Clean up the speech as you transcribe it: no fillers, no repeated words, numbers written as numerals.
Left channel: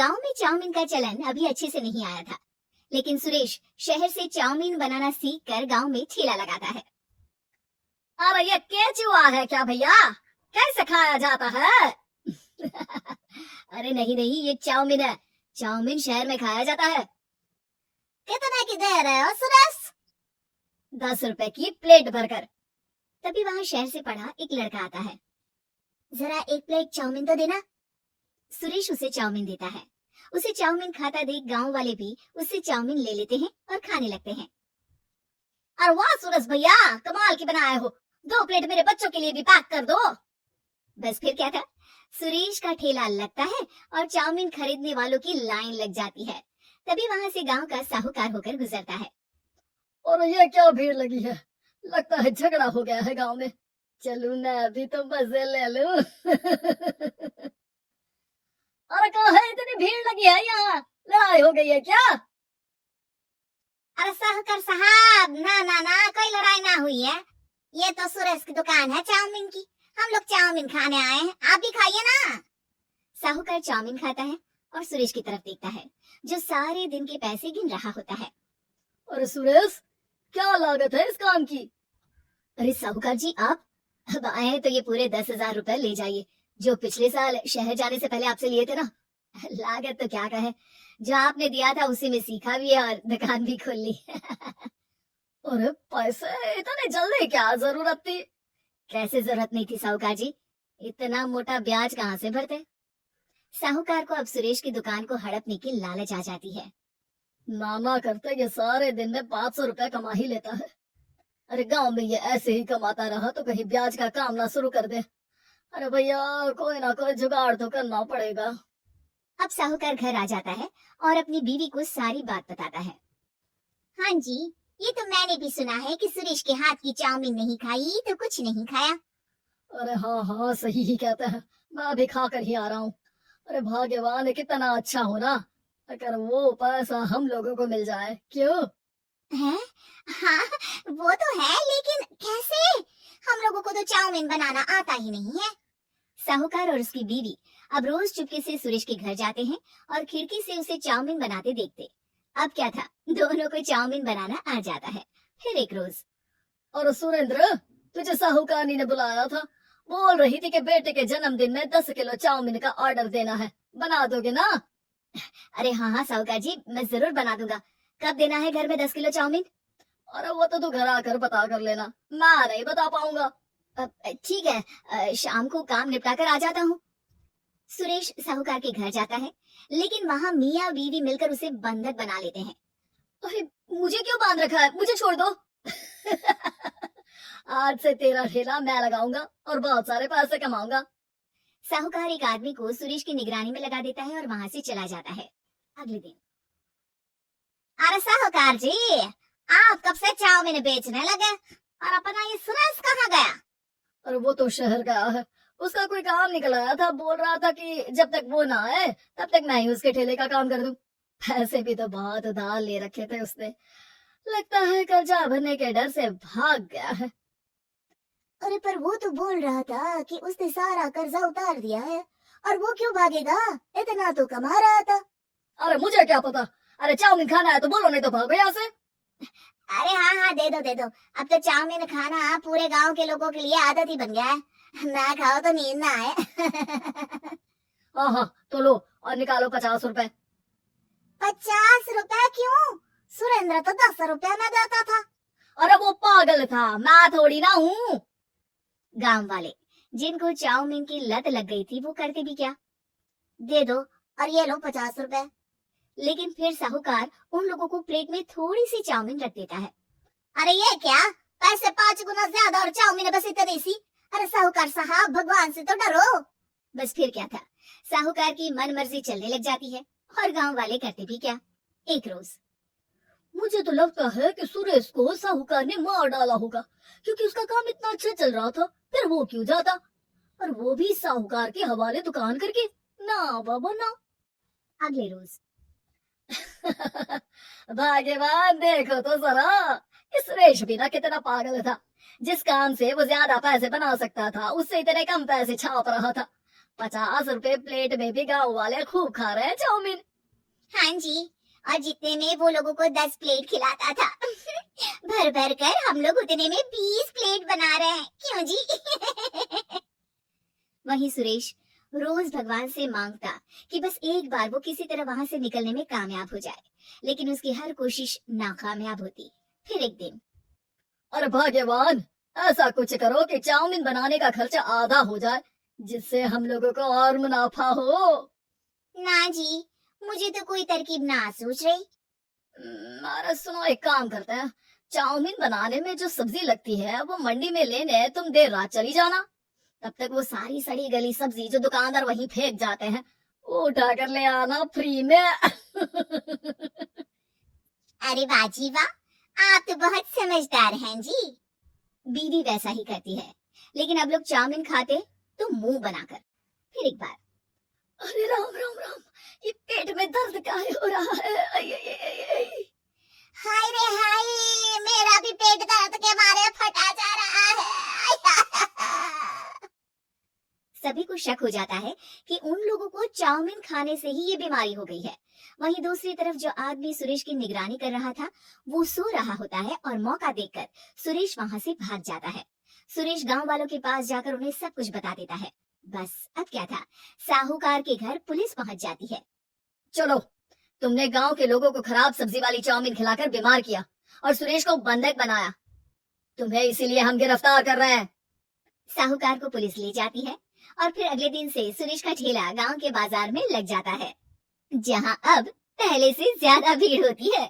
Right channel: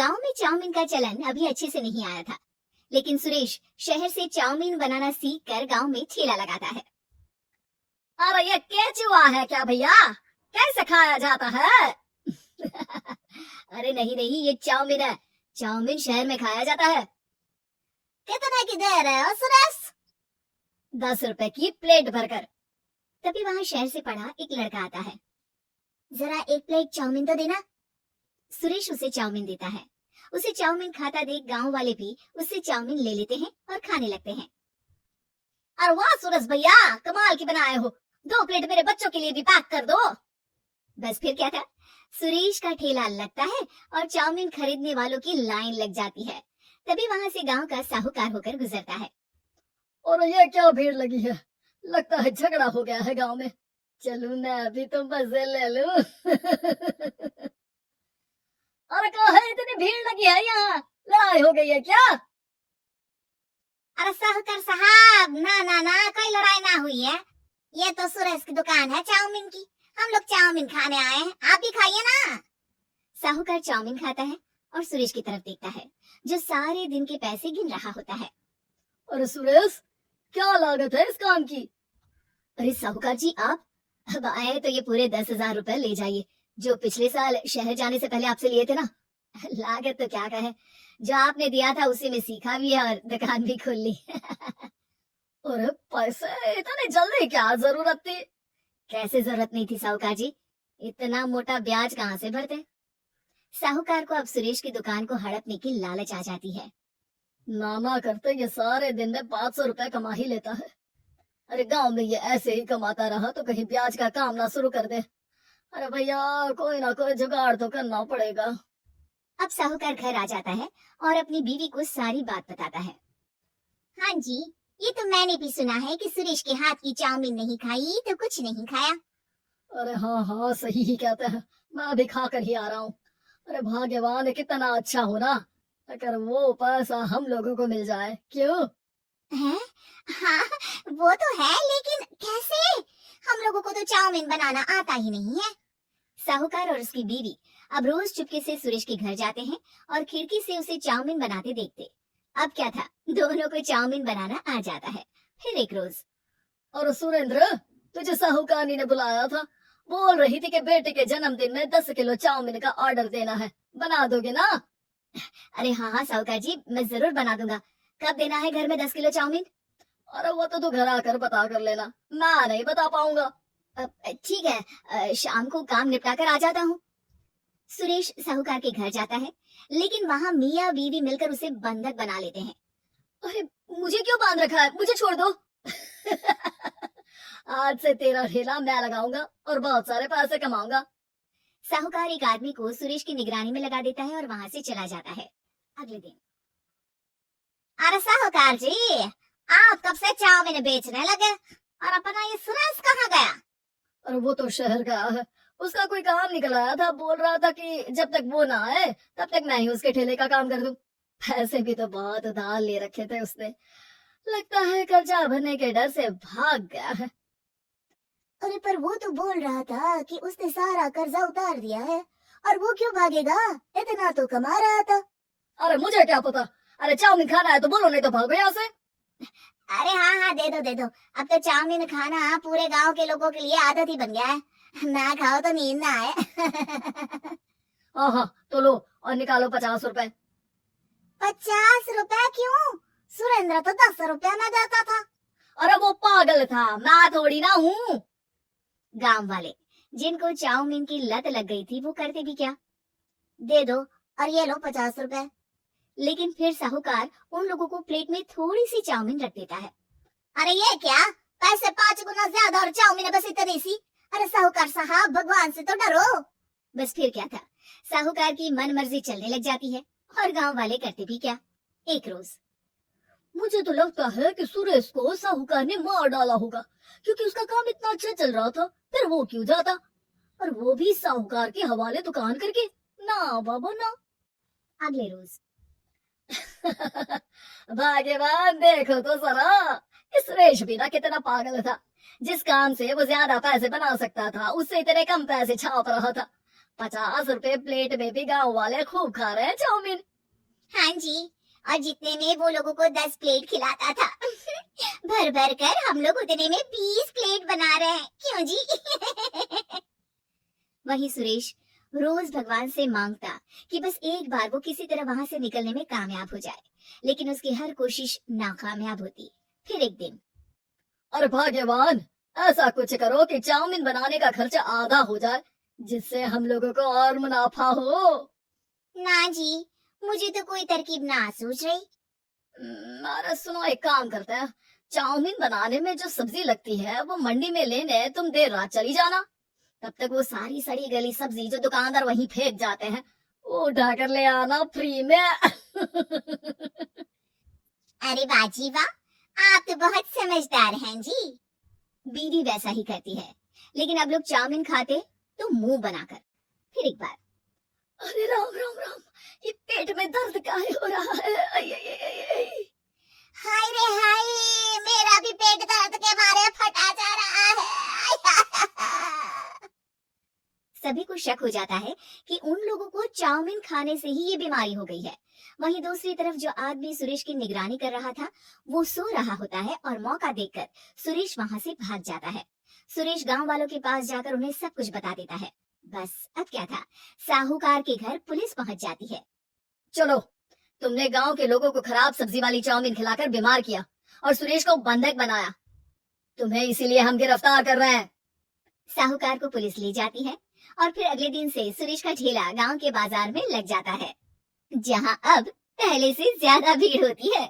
गांव में चाउमीन का चलन अभी अच्छे से नहीं आया था, लेकिन सुरेश शहर से चाउमीन बनाना सीख कर गाँव में ठेला लगाता है। अरे ये केचुआ है क्या भैया? कैसे खाया जाता है? अरे नहीं नहीं, ये चाउमीन है। चाउमीन शहर में खाया जाता है। कितने की दे रहे हो सुरेश? 10 रुपए की प्लेट भरकर। तभी वहां शहर से पढ़ा एक लड़का आता है। जरा एक प्लेट चाउमीन तो देना। सुरेश उसे चाउमीन देता है। उसे चाउमीन खाता देख गांव वाले भी उससे चाउमीन ले लेते हैं और खाने लगते हैं। अरे वाह सुरेश भैया, कमाल की बनाए हो। 2 प्लेट मेरे बच्चों के लिए भी पैक कर दो। बस फिर क्या था, सुरेश का ठेला लगता है और चाउमीन खरीदने वालों की लाइन लग जाती है। तभी वहां से गांव का साहूकार होकर गुजरता है। और ये क्या भीड़ लगी है? लगता है झगड़ा हो गया है गांव में। चलूं ना अभी तो मजे ले लूं। अरे कहाँ है, इतनी भीड़ लगी है यहाँ? लड़ाई हो गई है क्या? अरे साहूकार साहब, ना कोई लड़ाई ना हुई है। ये तो सुरेश की दुकान है चाउमीन की। हम लोग चाउमीन खाने आए हैं, आप भी खाइए ना। साहूकार चाउमीन खाता है और सुरेश की तरफ देखता है, जो सारे दिन के पैसे गिन रहा होता है। अरे सुरेश, क्या लागत है इस काम की? अरे साहूकार जी, आप अब आए तो ये पूरे 10,000 रुपए ले जाइए, जो पिछले साल शहर जाने से पहले आपसे लिए थे ना। लागत तो क्या कहे, जो आपने दिया था उसी में सीखा भी है और दुकान भी खोल ली। अरे पैसे इतने जल्दी क्या जरूरत थी? कैसे जरूरत नहीं थी साहूकार जी, इतना मोटा ब्याज कहाँ से भरते। साहूकार को अब सुरेश की दुकान को हड़पने की लालच आ जाती है। मामा करते ये सारे दिन में 500 रुपए कमा ही लेता है। अरे गांव में ये ऐसे ही कमाता रहा तो कहीं ब्याज का काम ना शुरू कर दे। अरे भैया, कोई ना कोई जुगाड़ तो करना पड़ेगा। अब साहूकार घर आ जाता है और अपनी बीवी को सारी बात बताता है। हाँ जी, ये तो मैंने भी सुना है कि सुरेश के हाथ की चाउमीन नहीं खाई तो कुछ नहीं खाया। अरे हाँ, सही ही कहते हैं। मैं भी खा कर ही आ रहा हूँ। अरे भाग्यवान है, कितना अच्छा हो ना अगर वो पैसा हम लोगों को मिल जाए। क्यों है? हाँ, वो तो है, लेकिन कैसे? हम लोगों को तो चाउमीन बनाना आता ही नहीं है। साहूकार और उसकी बीवी अब रोज चुपके से सुरेश के घर जाते हैं और खिड़की से उसे चाउमीन बनाते देखते। अब क्या था, दोनों को चाउमीन बनाना आ जाता है। फिर एक रोज, और सुरेंद्र, तुझे साहूकारनी ने बुलाया था। बोल रही थी कि बेटे के जन्मदिन में 10 किलो चाउमीन का ऑर्डर देना है, बना दोगे ना? अरे हाँ साहूकार जी, मैं जरूर बना दूंगा। कब देना है घर में 10 किलो चाउमीन? अरे वो तो तू घर आकर बता कर लेना, मैं नहीं बता पाऊंगा। ठीक है, शाम को काम निपटा कर आ जाता हूँ। सुरेश साहूकार के घर जाता है, लेकिन वहाँ मियाँ बीवी मिलकर उसे बंधक बना लेते हैं। अरे मुझे क्यों बांध रखा है, मुझे छोड़ दो। आज से तेरा ठेला मैं लगाऊंगा और बहुत सारे पैसे कमाऊंगा। साहूकार एक आदमी को सुरेश की निगरानी में लगा देता है और वहां से चला जाता है। अगले दिन, अरे साहूकार जी, आप कब से चाउमीन बेचने लगे और अपना ये सुरेश कहाँ गया? और वो तो शहर गया है, उसका कोई काम निकल आया था। बोल रहा था कि जब तक वो ना आए तब तक मैं ही उसके ठेले का काम कर दूं। पैसे भी तो बहुत उधार ले रखे थे उसने। लगता है कर्जा भरने के डर से भाग गया है। अरे पर वो तो बोल रहा था कि उसने सारा कर्जा उतार दिया है, और वो क्यों भागेगा? इतना तो कमा रहा था। अरे मुझे क्या पता। अरे चाउमीन खाना है तो बोलो, नहीं तो भागो यहाँ से। अरे हाँ, दे दो। अब तो चाउमीन खाना पूरे गांव के लोगों के लिए आदत ही बन गया है। ना खाओ तो नींद ना आए। हाँ, तो लो और निकालो 50 रुपए। 50 रुपए क्यों? सुरेंद्र तो 10 रुपया में देता था। अरे वो पागल था, मैं थोड़ी ना हूँ। गांव वाले, जिनको चाउमीन की लत लग गई थी, वो करते भी क्या? दे दो और ये लो 50 रुपए। लेकिन फिर साहूकार उन लोगों को प्लेट में थोड़ी सी चाउमीन रख देता है। अरे ये क्या, पैसे 5 गुना ज्यादा और चाउमीन बस इतनी सी। अरे साहूकार साहब, भगवान से तो डरो। बस फिर क्या था, साहूकार की मन मर्जी चलने लग जाती है और गांव वाले करते भी क्या। एक रोज, मुझे तो लगता है कि सुरेश को साहूकार ने मार डाला होगा, क्योंकि उसका काम इतना अच्छा चल रहा था। फिर वो क्यों जाता, और वो भी साहूकार के हवाले दुकान करके? ना बाबा ना। अगले रोज, भाग्यवान, देखो तो जरा, इस सुरेश भी ना कितना पागल था। जिस काम से वो ज्यादा पैसे बना सकता था, उससे इतने कम पैसे छाप रहा था। 50 रुपए प्लेट में भी गांव वाले खूब खा रहे हैं चाउमीन। हाँ जी, और जितने में वो लोगों को 10 प्लेट खिलाता था भर भर कर हम लोग उतने में 20 प्लेट बना रहे हैं, क्यों जी? वहीं सुरेश रोज भगवान से मांगता कि बस एक बार वो किसी तरह वहां से निकलने में कामयाब हो जाए, लेकिन उसकी हर कोशिश नाकामयाब होती। फिर एक दिन, अरे भाग्यवान, ऐसा कुछ करो कि चाउमीन बनाने का खर्चा आधा हो जाए, जिससे हम लोगों को और मुनाफा हो। ना जी, मुझे तो कोई तरकीब ना सूझ रही। अरे सुनो, एक काम करते हैं, चाउमीन बनाने में जो सब्जी लगती है वो मंडी में लेने तुम देर रात चली जाना। तब तक वो सारी सड़ी गली सब्जी जो दुकानदार वहीं फेंक जाते हैं वो उठाकर ले आना फ्री में। अरे वाह जी वाह, आप तो बहुत समझदार हैं जी। बीवी वैसा ही करती है, लेकिन अब लोग चाउमीन खाते तो मुंह बनाकर। फिर एक बार, अरे राम राम राम, ये पेट में दर्द काहे हो रहा है? आई, आई, आई, आई, आई। हाय रे हाय, मेरा भी पेट दर्द के मारे फटा जा रहा है। सभी को शक हो जाता है कि उन लोगों को चाउमीन खाने से ही ये बीमारी हो गई है। वहीं दूसरी तरफ जो आदमी सुरेश की निगरानी कर रहा था वो सो रहा होता है और मौका देखकर सुरेश वहां से भाग जाता है। सुरेश गांव वालों के पास जाकर उन्हें सब कुछ बता देता है। बस अब क्या था, साहूकार के घर पुलिस पहुंच जाती है। चलो, तुमने गांव के लोगों को खराब सब्जी वाली चाउमीन खिलाकर बीमार किया और सुरेश को बंधक बनाया। तुम्हें इसीलिए हम गिरफ्तार कर रहे हैं। साहूकार को पुलिस ले जाती है और फिर अगले दिन से सुरेश का ठेला गांव के बाजार में लग जाता है, जहां अब पहले से ज्यादा भीड़ होती है।